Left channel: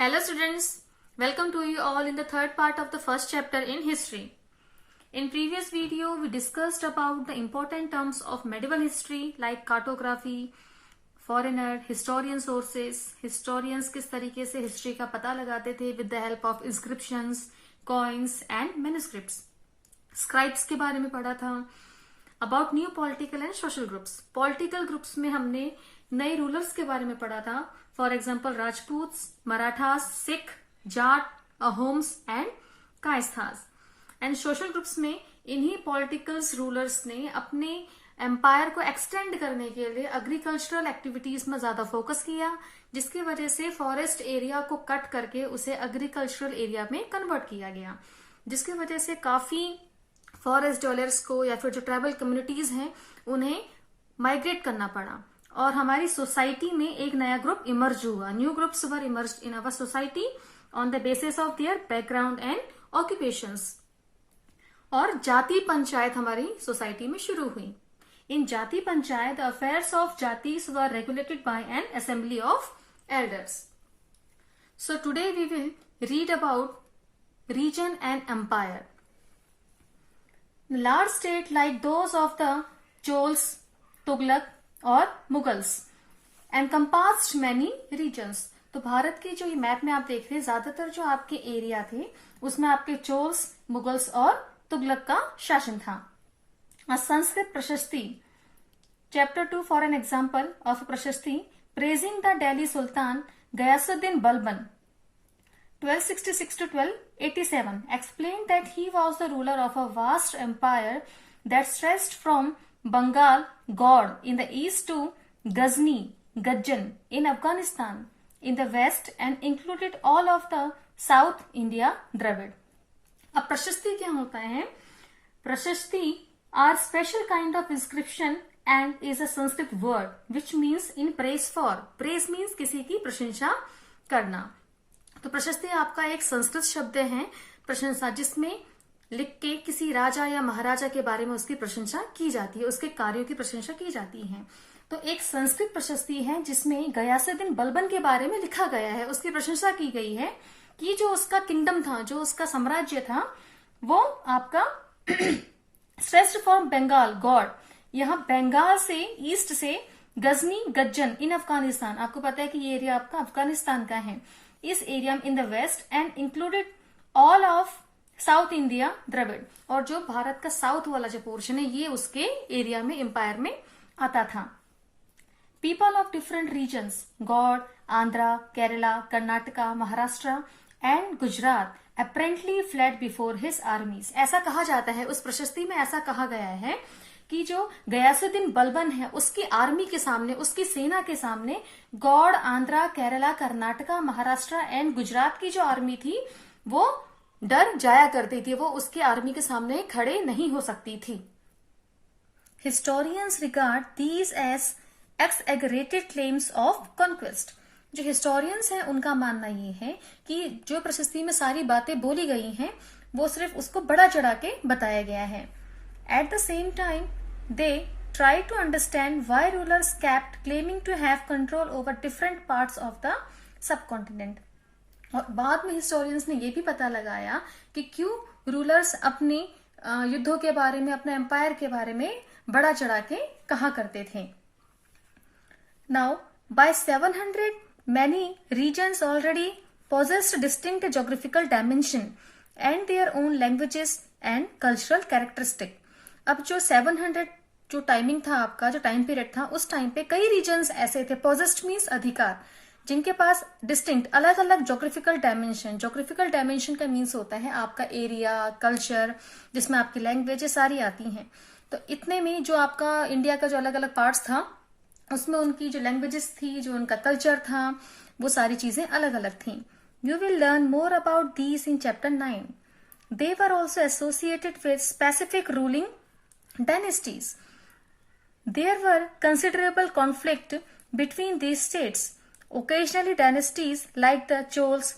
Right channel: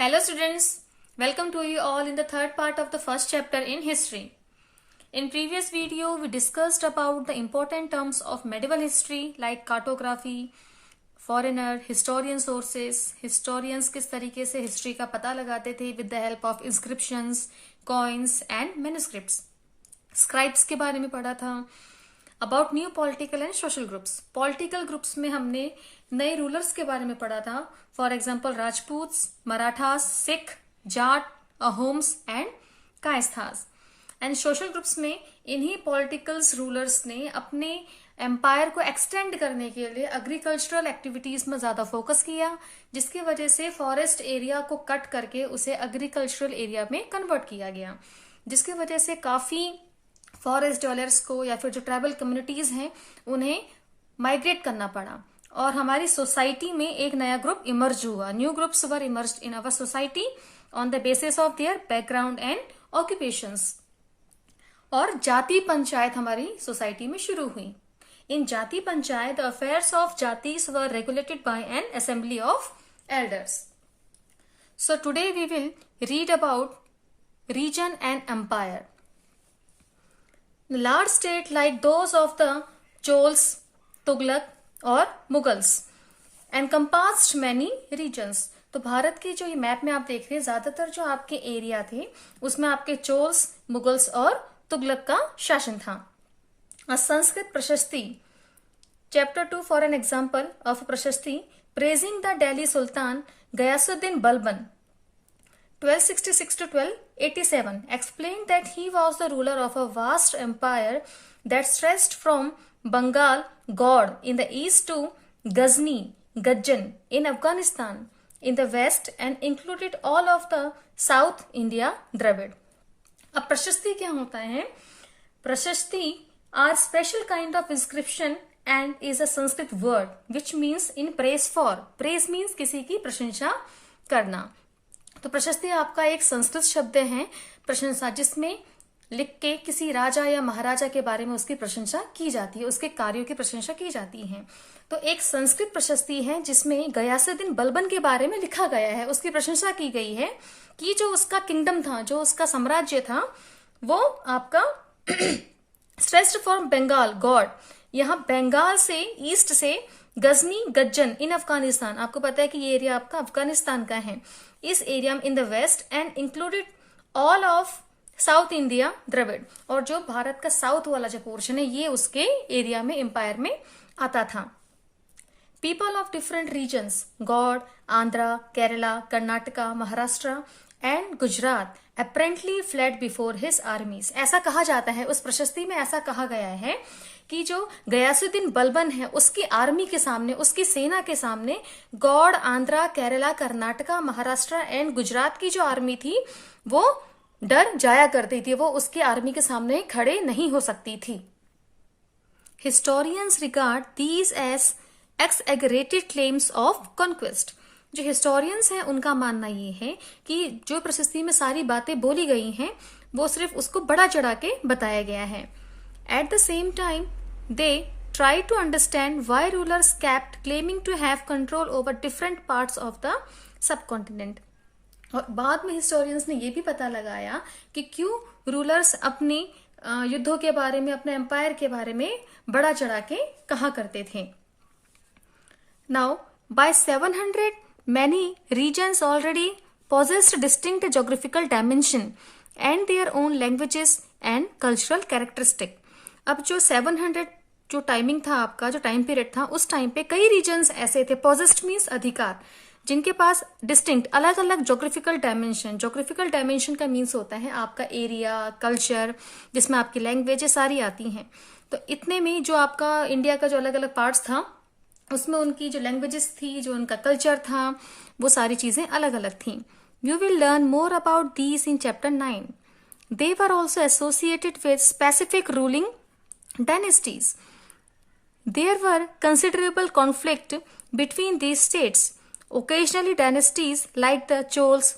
Hello students, welcome to you all in the third part of the first chapter in history. In previous video we discussed about the important terms of medieval history like cartography, foreigner, historian sources, historians किस तरीके से history का पता लगाते थे with the help of inscriptions, coins and manuscripts. Scribes के बारे में पढ़ा था. About new political and social groups. Political groups में हमने नए रूलर्स के बारे में पढ़ा था. For example Rajput, Marathas, Sikh, Jat, Ahoms and Kayasthas. And social groups में इन्हीं पॉलिटिकल्स रूलर्स ने अपने एम्पायर को एक्सटेंड करने के लिए एग्रीकल्चरल एक्टिविटीज में ज्यादा फोकस किया, जिसकी वजह से फॉरेस्ट एरिया को कट करके उसे एग्रीकल्चरल एरिया में कन्वर्ट किया गया, जिसकी वजह से काफी फॉरेस्ट डवेलपर्स को या फिर जो ट्राइबल कम्युनिटीज हैं उन्हें माइग्रेट करना पड़ा और हमारी सोसाइटी में एक नया ग्रुप इमर्ज हुआ. New groups were emerged in our society on the basis of their background and occupations. और जाति पंचायत हमारी सोसाइटी में शुरू हुई. इन जाति panchayat affairs of jatis were regulated by an assembly of elders. So today we will read about region and empire. Large state like those of the Chols, Tughlaq और Mughals encompassed many regions. तो भारत की जो ये मैप में आप देख रहे हैं ज्यादातर जो आपके एरिया थे उसमें आपके चोल्स, मुगल्स और तुगलक का शासन था. Sanskrit prashasti chapter 2 for an example of prashasti praising the Delhi sultan Ghiyasuddin Balban 1266 to 1287 explained that he was the ruler of a vast empire that stretched from Bengal, God in the east to Ghazni, Gajjan in Afghanistan in the west and included all of the South India Dravid. अब प्रशस्ति क्या होता है? प्रशस्ति are special kind of inscription and is a Sanskrit word which means in praise for. Praise means किसी की प्रशंसा करना. तो प्रशस्ति आपका एक संस्कृत शब्द है प्रशंसा, जिसमें लिख के किसी राजा या महाराजा के बारे में उसकी प्रशंसा की जाती है, उसके कार्यों की प्रशंसा की जाती है. तो एक संस्कृत प्रशस्ति है जिसमें गयासुद्दीन बलबन के बारे में लिखा गया है, उसकी प्रशंसा की गई है कि जो उसका किंगडम था, जो उसका साम्राज्य था, वो आपका स्ट्रेस्ड फ्रॉम बंगाल गॉड, यहाँ बंगाल से ईस्ट से गजनी गज्जन इन अफगानिस्तान. आपको पता है कि ये एरिया आपका अफगानिस्तान का है. इस एरिया में in the west and included all of south India Dravid, और जो भारत का साउथ वाला जो पोर्शन है ये उसके एरिया में एम्पायर में आता था. People of different regions Gaur, Andhra, Kerala, Karnataka, Maharashtra and Gujarat apparently fled before his armies. ऐसा कहा जाता है, उस प्रशस्ति में ऐसा कहा गया है कि जो गयासुद्दीन बलबन है उसकी आर्मी के सामने, उसकी सेना के सामने गौड़, आंध्रा, केरला, कर्नाटका, महाराष्ट्र एंड गुजरात की जो आर्मी थी वो डर जाया करती थी, वो उसकी आर्मी के सामने खड़े नहीं हो सकती थी. Historians regard these as exaggerated claims of conquest. जो हिस्टोरियंस हैं उनका मानना ये है कि जो प्रशस्ति में सारी बातें बोली गई हैं वो सिर्फ उसको बड़ा चढ़ा के बताया गया है. At the same time, they try to understand why rulers kept claiming to have control over different parts of the subcontinent. और बाद में हिस्टोरियंस ने ये भी पता लगाया कि क्यों रूलर्स अपने युद्धों के बारे में, अपने एम्पायर के बारे में बड़ा चढ़ा के कहा करते थे. Now, by 700, many regions already possessed distinct geographical dimension and their own languages and cultural characteristics. अब जो 700 जो टाइमिंग था आपका, जो टाइम पीरियड था, उस टाइम पे कई रीजन्स ऐसे थे, पॉजेस्ड मीन्स अधिकार, जिनके पास डिस्टिंक्ट अलग अलग जोग्राफिकल डायमेंशन. जोग्राफिकल डायमेंशन का मीन्स होता है आपका एरिया, कल्चर, जिसमें आपकी लैंग्वेजेस सारी आती हैं. तो इतने में जो आपका इंडिया का जो अलग अलग पार्ट्स था उसमें उनकी जो लैंग्वेजेस थी, जो उनका कल्चर था, वो सारी चीजें अलग अलग थी. You will learn more about these in chapter 9. They were also associated with specific ruling dynasties. There were considerable conflict between these states. Occasionally dynasties like the Chols,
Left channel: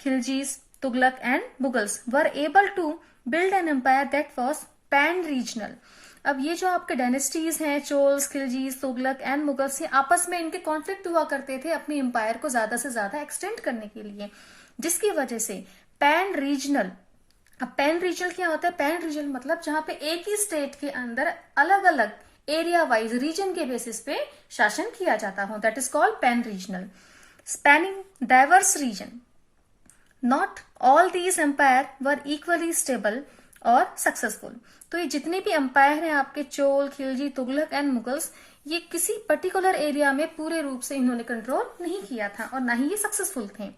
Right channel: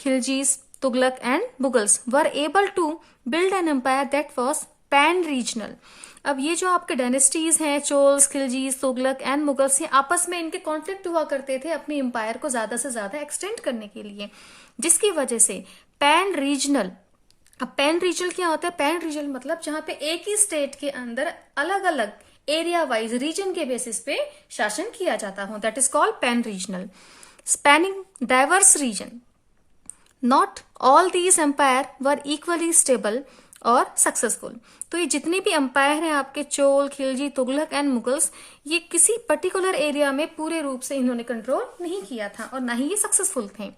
Khiljis, Tughlaq and Mughals were able to build an empire that was pan-regional. अब ये जो आपके dynasties हैं, चोल्स, खिलजीज, Tughlaq and Mughals, ये आपस में इनके conflict हुआ करते थे अपने एम्पायर को ज्यादा से ज्यादा एक्सटेंड करने के लिए, जिसकी वजह से पैन रीजनल, अब पैन रीजनल क्या होता है? पैन रीजनल मतलब जहां पे एक ही स्टेट के अंदर अलग अलग एरिया वाइज रीजन के बेसिस पे शासन किया जाता हो, that is called pan regional, spanning diverse region. Not all these empire were equally stable और सक्सेसफुल. तो ये जितने भी एम्पायर हैं आपके, चोल, खिलजी, तुगलक एंड मुगल्स, ये किसी पर्टिकुलर एरिया में पूरे रूप से इन्होंने कंट्रोल नहीं किया था और ना ही ये सक्सेसफुल थे.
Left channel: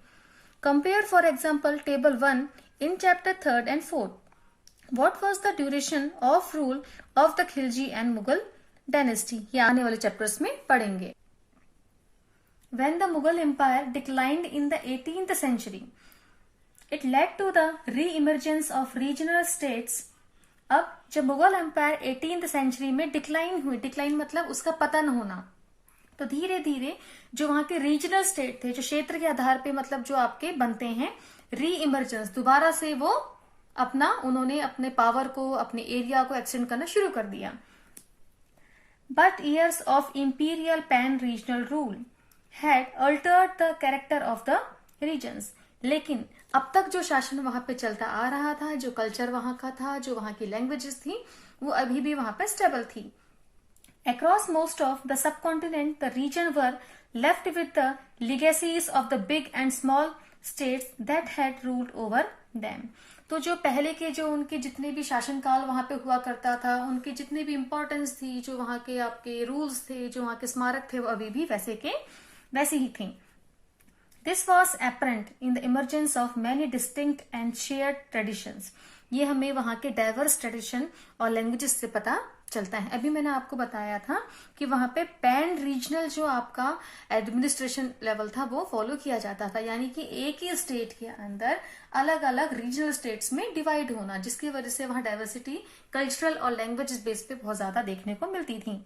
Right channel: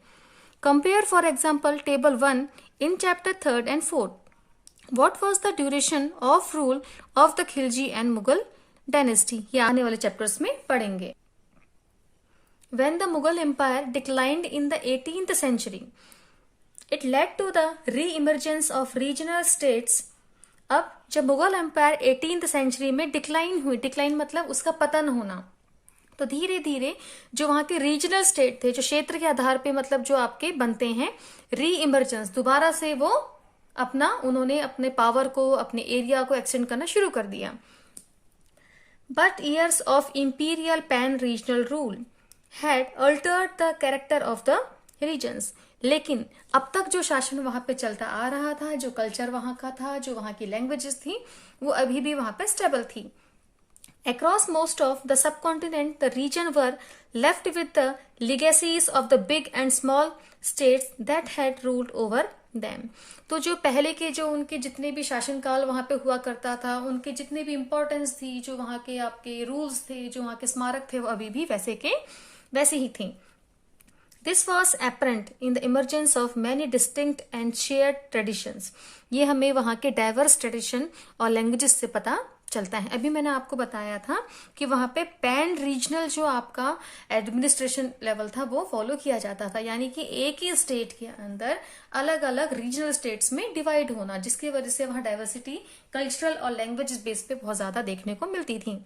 Compare for example table 1 in chapter 3 and 4. What was the duration of rule of the Khilji and Mughal dynasty? ये आने वाले चैप्टर्स में पढ़ेंगे. When the Mughal Empire declined in the 18th century, it led to the re-emergence of regional states. अब जब Mughal empire 18th century में decline हुई, decline मतलब उसका पतन होना, तो धीरे धीरे जो वहां के रीजनल स्टेट थे, जो क्षेत्र के आधार पे मतलब जो आपके बनते हैं, री इमर्जेंस, दोबारा से वो उन्होंने अपने पावर को, अपने एरिया को एक्सटेंड करना शुरू कर दिया. But years of imperial pan regional rule had altered the character of the regions. लेकिन अब तक जो शासन वहां पे चलता आ रहा था, जो कल्चर वहां का था, जो वहां की लैंग्वेजेस थी, वो अभी भी वहां पे स्टेबल थी. Across most of the subcontinent, the region were left with the legacies of the big and small states that had ruled over them. तो जो पहले के जो उनके जितने भी शासनकाल वहां पे हुआ करता था, उनके जितने भी इंपॉर्टेंस थी, जो वहां के आपके रूल्स थे, जो वहां के स्मारक थे, वो अभी भी वैसे ही थे. This was apparent in the emergence of many distinct and shared traditions. ये हमें वहां के डाइवर्स ट्रेडिशन और लैंग्वेजेस से पता चलता है. अभी मैंने आपको बताया था कि वहां पे पैन रीजनल जो आपका एडमिनिस्ट्रेशन लेवल था वो फॉलो किया जाता था, यानी कि एक ही स्टेट के अंदर अलग अलग रीजनल स्टेट्स में डिवाइड होना, जिसकी वजह से वहां डाइवर्सिटी कल्चरल और लैंग्वेज बेस पे बहुत ज्यादा देखने को मिलती थी.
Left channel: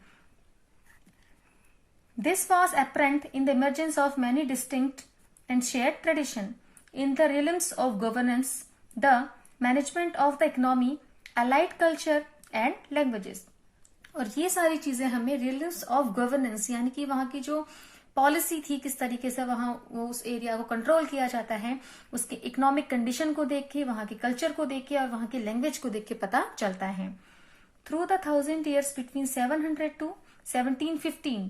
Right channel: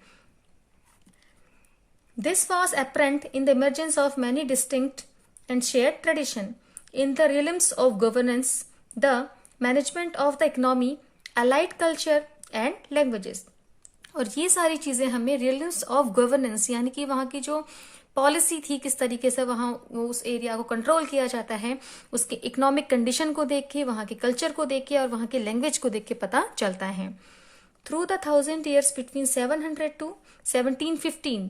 This was apparent in the emergence of many distinct and shared tradition in the realms of governance, the management of the economy, allied culture and languages. और ये सारी चीजें हमें realms of governance, यानी कि वहां की जो पॉलिसी थी, किस तरीके से वहां उस एरिया को कंट्रोल किया जाता है, उसके इकोनॉमिक कंडीशन को देख के, वहां के कल्चर को देख के और वहां के लैंग्वेज को देख के पता चलता है. Through the 1000 years between 700 to 1715,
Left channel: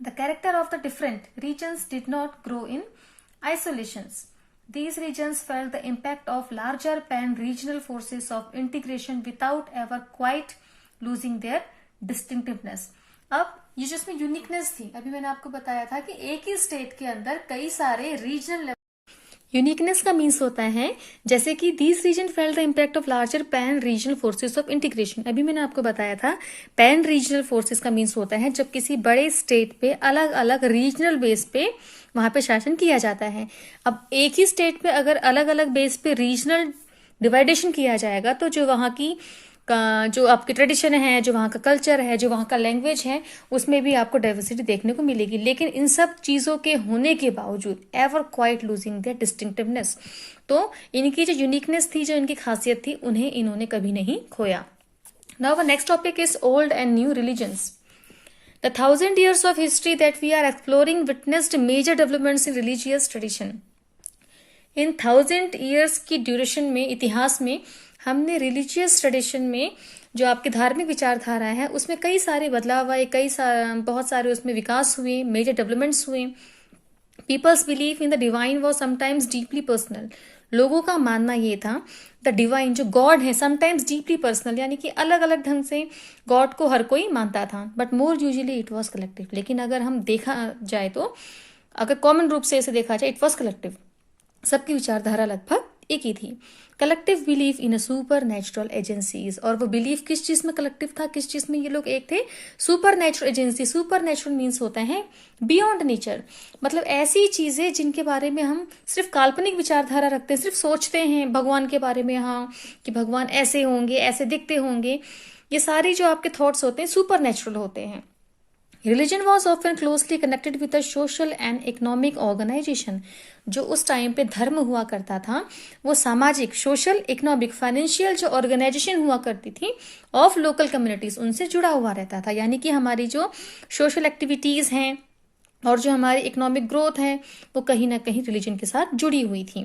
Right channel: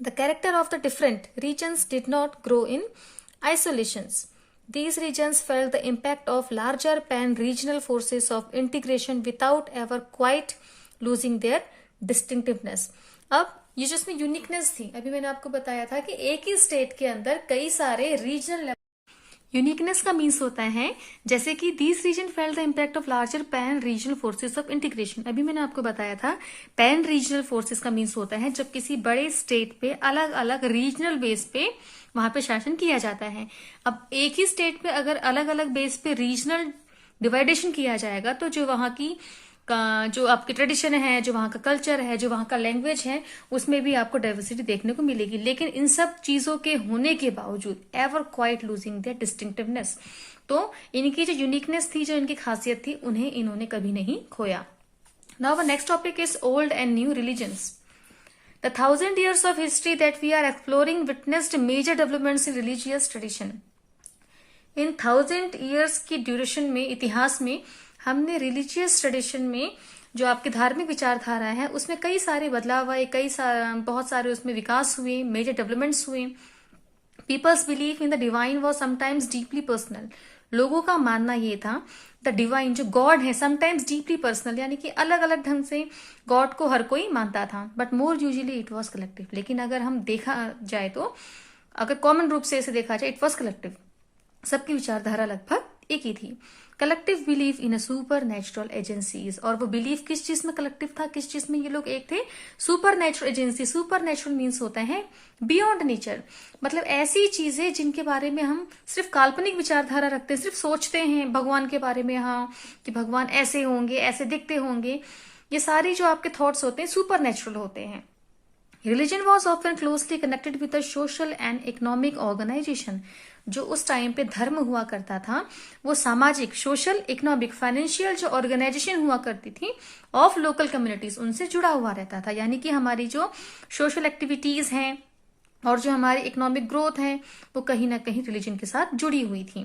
the character of the different regions did not grow in isolations. These regions felt the impact of larger pan-regional forces of integration without ever quite losing their distinctiveness. अब ये जो इसमें uniqueness थी, अभी मैंने आपको बताया था कि एक ही स्टेट के अंदर कई सारे रीजनल, यूनिकनेस का मीन्स होता है जैसे कि these region felt the impact of larger pan regional forces of integration. अभी मैंने आपको बताया था पैन रीजनल फोर्सेस का मीन्स होता है जब किसी बड़े स्टेट पे अलग अलग रीजनल बेस पे वहां पे शासन किया जाता है. अब एक ही स्टेट पे अगर अलग अलग बेस पे रीजनल डिवाइडेशन किया जाएगा तो जो वहां की जो आपकी ट्रेडिशन है, जो वहां का कल्चर है, जो वहां का लैंग्वेज है, उसमें भी आपको डाइवर्सिटी देखने को मिलेगी. लेकिन इन सब चीजों के होने के बावजूद ever quite losing their distinctiveness, तो इनकी जो यूनिकनेस थी, जो इनकी खासियत थी, उन्हें इन्होंने कभी नहीं खोया. Now the next topic is old and new religions. The 1000 years of history that we are exploring witnessed major developments in religious tradition. In 1000 years की ड्यूरेशन में, इतिहास में, हमने रिलीजियस ट्रेडिशन में जो आपकी धार्मिक विचारधारा है उसमें कई सारे बदलाव आए, बहुत सारे उसमें विकास हुए, मेजर डेवलपमेंट्स हुए. Peoples believe in the divine was sometimes deeply personal. लोगों का मानना ये था द डिवाइन, जो गॉड है, समटाइम्स डीपली पर्सनल, यानी कि अलग अलग ढंग से गॉड को हर कोई मानता था. But more usually it was collective. लेकिन अगर हम देखा जाए तो, अगर कॉमन रूप से इसे देखा जाए, इट वॉज कलेक्टिव. सबकी विचारधारा लगभग एक ही थी. Collective believe in a super natural agencies. और वो बिलीव किस चीज में कलेक्टिव था, किस चीज में ये लोग एक थे? Super natural agency. Super natural means होता है बियॉन्ड नेचर, मतलब ऐसी चीजें जिनके बारे में हम सिर्फ काल्पनिक विचारधारा रखते हैं, सिर्फ सोचते हैं भगवान के बारे में, हाँ कि भगवान ऐसे होंगे, ऐसे दिखते होंगे. ये सारी जो आपके थॉट्स होते हैं सुपर नेचुरल होते हैं. Religion was often closely connected with the social and economic organization. जो उस टाइम पे धर्म हुआ करता था वो सामाजिक, सोशल, इकोनॉमिक, फाइनेंशियल जो ऑर्गेनाइजेशन हुआ करती थी ऑफ लोकल कम्युनिटीज, उनसे जुड़ा हुआ रहता था। यानी कि हमारी जो सोशल एक्टिविटीज हैं और जो हमारी इकोनॉमिक ग्रोथ है वो कहीं ना कहीं रिलीजन के साथ जुड़ी हुई थी।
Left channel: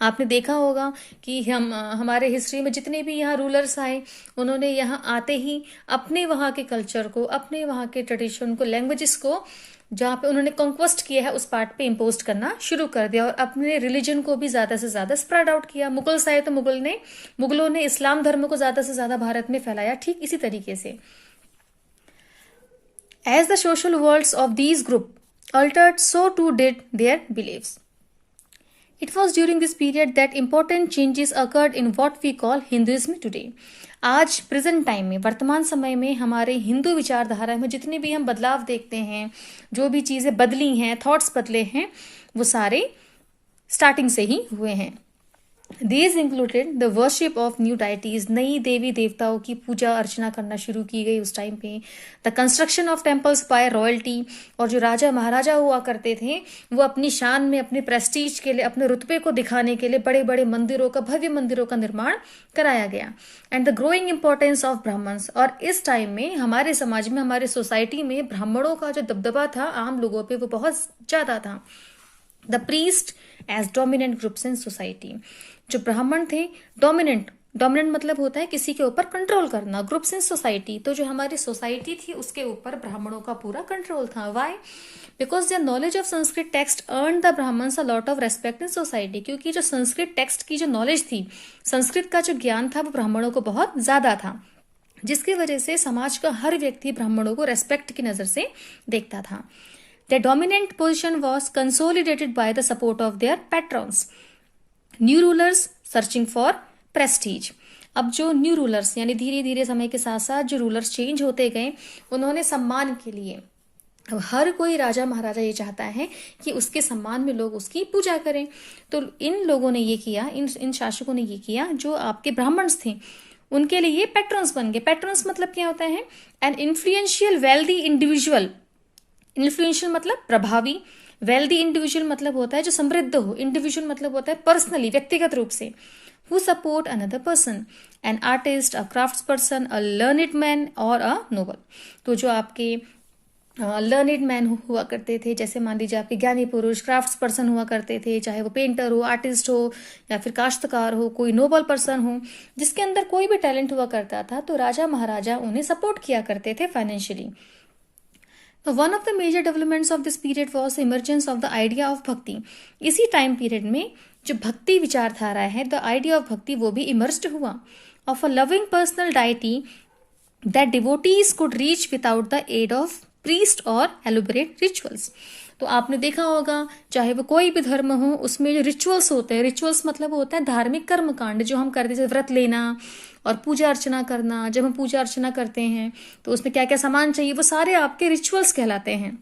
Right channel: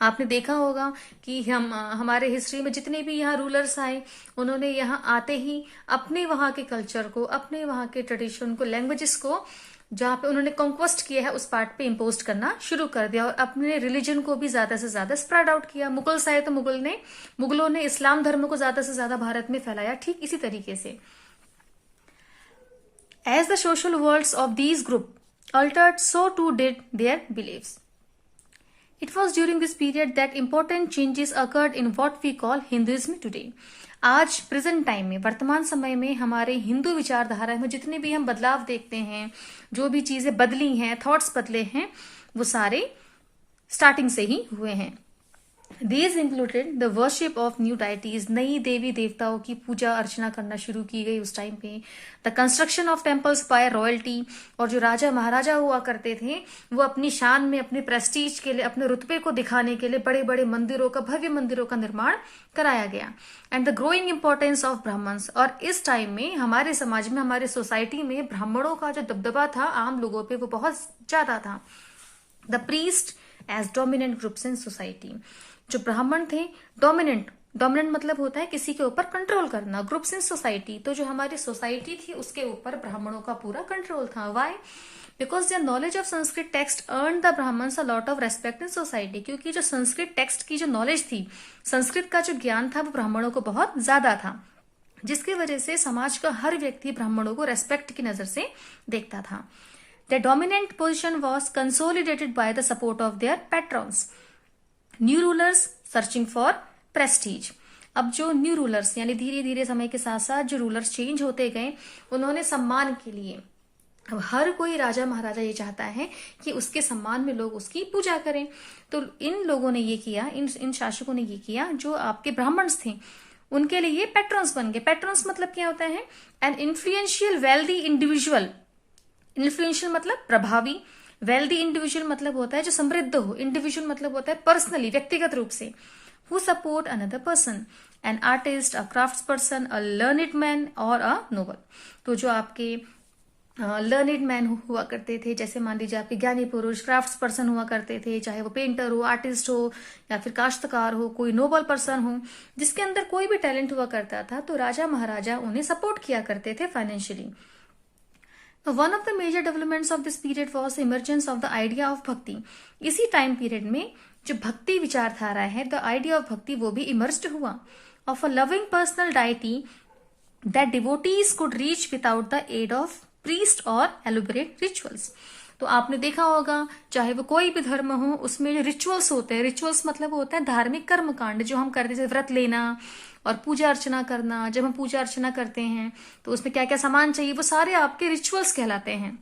आपने देखा होगा कि हमारे हिस्ट्री में जितने भी यहाँ रूलर्स आए, उन्होंने यहाँ आते ही अपने वहाँ के कल्चर को, अपने वहाँ के ट्रेडिशन को, लैंग्वेजेस को जहाँ पे उन्होंने कॉन्क्वेस्ट किया है उस पार्ट पे इम्पोज करना शुरू कर दिया और अपने रिलीजन को भी ज्यादा से ज्यादा स्प्रेड आउट किया। मुगल्स आए तो मुगलों ने इस्लाम धर्म को ज्यादा से ज्यादा भारत में फैलाया। ठीक इसी तरीके से as the social worlds of these group altered, so too did their beliefs. It was during this period that important changes occurred in what we call Hinduism today. आज प्रेजेंट टाइम में, वर्तमान समय में हमारे हिंदू विचारधारा में जितने भी हम बदलाव देखते हैं, जो भी चीजें बदली हैं, थॉट्स बदले हैं, वो सारे स्टार्टिंग से ही हुए हैं। These included the worship of new deities, नई देवी देवताओं की पूजा अर्चना करना शुरू की गई उस टाइम पे। The construction of temples by royalty, और जो राजा महाराजा हुआ करते थे वो अपनी शान में, अपने प्रेस्टीज के लिए, अपने रुतबे को दिखाने के लिए बड़े बड़े मंदिरों का, भव्य मंदिरों का निर्माण कराया गया। And the growing importance of Brahmins, और इस टाइम में हमारे समाज में, हमारे सोसाइटी में ब्राह्मणों का जो दबदबा था आम लोगों पे वो बहुत ज्यादा था। The priest as dominant groups in society, जो ब्राह्मण थे डोमिनेंट मतलब होता है किसी के ऊपर कंट्रोल करना, ग्रुप्स इन सोसाइटी, तो जो हमारी सोसाइटी थी उसके ऊपर ब्राह्मणों का पूरा कंट्रोल था। Why? Because their knowledge of Sanskrit text earn the Brahmins a lot of respect in society, क्योंकि जो संस्कृत टेक्स्ट की जो नॉलेज थी, संस्कृत का जो ज्ञान था वो ब्राह्मणों को बहुत ज्यादा था, जिसकी वजह से समाज का हर व्यक्ति ब्राह्मणों को रेस्पेक्ट की नजर से देखता था। The dominant position was consolidated by the support of their patrons, new rulers searching for prestige. अब जो न्यू रूलर्स, यानी धीरे धीरे समय के साथ साथ जो रूलर्स चेंज होते गए, उन्होंने सम्मान के लिए, अब हर कोई राजा महाराजा ये चाहता है कि उसके सम्मान में लोग उसकी पूजा करें, तो इन लोगों ने ये किया, इन शासकों ने ये किया, जो आपके ब्राह्मण्स थे उनके लिए ये पैट्रॉन्स बन गए। पैट्रॉन्स मतलब क्या होता है? An influential wealthy individual. Influential मतलब प्रभावी, वेल्दी इंडिविजुअल मतलब होता है जो समृद्ध हो, इंडिविजुअल मतलब होता है पर्सनली, व्यक्तिगत रूप से, who support another person, an artist, a crafts person, a learned man और अ नोबल। तो जो आपके लर्निड मैन हुआ करते थे, जैसे मान लीजिए आपके ज्ञानी पुरुष, क्राफ्ट्स पर्सन हुआ करते थे, चाहे वो पेंटर हो, आर्टिस्ट हो या फिर काश्तकार हो, कोई नोबल पर्सन हो, जिसके अंदर कोई भी टैलेंट हुआ करता था, तो राजा महाराजा उन्हें सपोर्ट किया करते थे financially. One of the major developments of this period was emergence of the idea of bhakti. इसी टाइम पीरियड में जो भक्ति विचारधारा है, द आइडिया ऑफ भक्ति, वो भी इमर्ज्ड हुआ। Of a loving personal deity that devotees could reach without the aid of priest और एलोबरेट रिचुअल्स। तो आपने देखा होगा, चाहे वो कोई भी धर्म हो, उसमें जो रिचुअल्स होते हैं, रिचुअल्स मतलब होता है धार्मिक कर्मकांड जो हम करते हैं, व्रत लेना और पूजा अर्चना करना। जब हम पूजा अर्चना करते हैं तो उसमें क्या क्या सामान चाहिए, वो सारे आपके रिचुअल्स कहलाते हैं।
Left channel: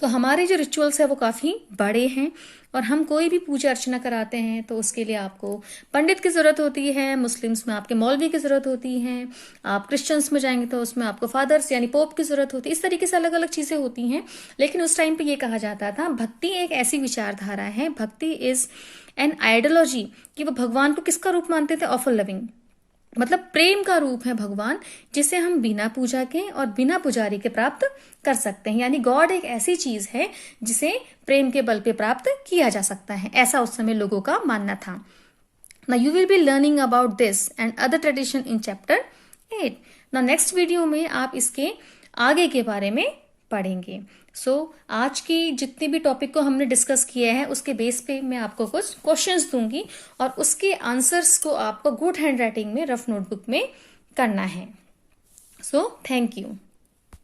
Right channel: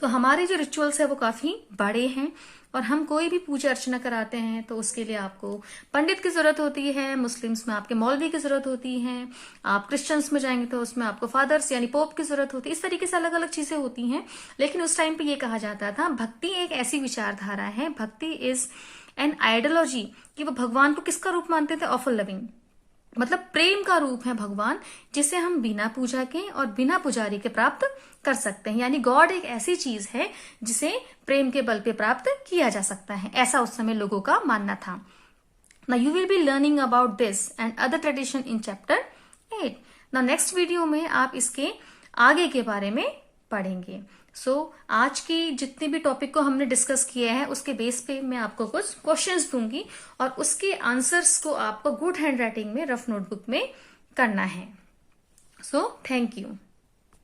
तो हमारे जो रिचुअल्स है वो काफी बड़े हैं, और हम कोई भी पूजा अर्चना कराते हैं तो उसके लिए आपको पंडित की जरूरत होती है, मुस्लिम्स में आपके मौलवी की जरूरत होती है, आप क्रिश्चियंस में जाएंगे तो उसमें आपको फादर्स यानी पोप की जरूरत होती है। इस तरीके से अलग अलग चीजें होती हैं। लेकिन उस टाइम पे ये कहा जाता था भक्ति एक ऐसी विचारधारा है, भक्ति इज एन आइडियोलॉजी, कि वो भगवान को किसका रूप मानते थे? ऑफ लविंग, मतलब प्रेम का रूप है भगवान, जिसे हम बिना पूजा के और बिना पुजारी के प्राप्त कर सकते हैं। यानी गॉड एक ऐसी चीज है जिसे प्रेम के बल पे प्राप्त किया जा सकता है, ऐसा उस समय लोगों का मानना था। Now you will be learning about this and other tradition in chapter 8। Now next video में आप इसके आगे के बारे में पढ़ेंगे। आज की जितने भी टॉपिक को हमने डिस्कस किया है उसके बेस पे मैं आपको कुछ क्वेश्चंस दूंगी और उसके आंसर्स को आपको गुड हैंड राइटिंग में रफ नोटबुक में करना है। Thank you.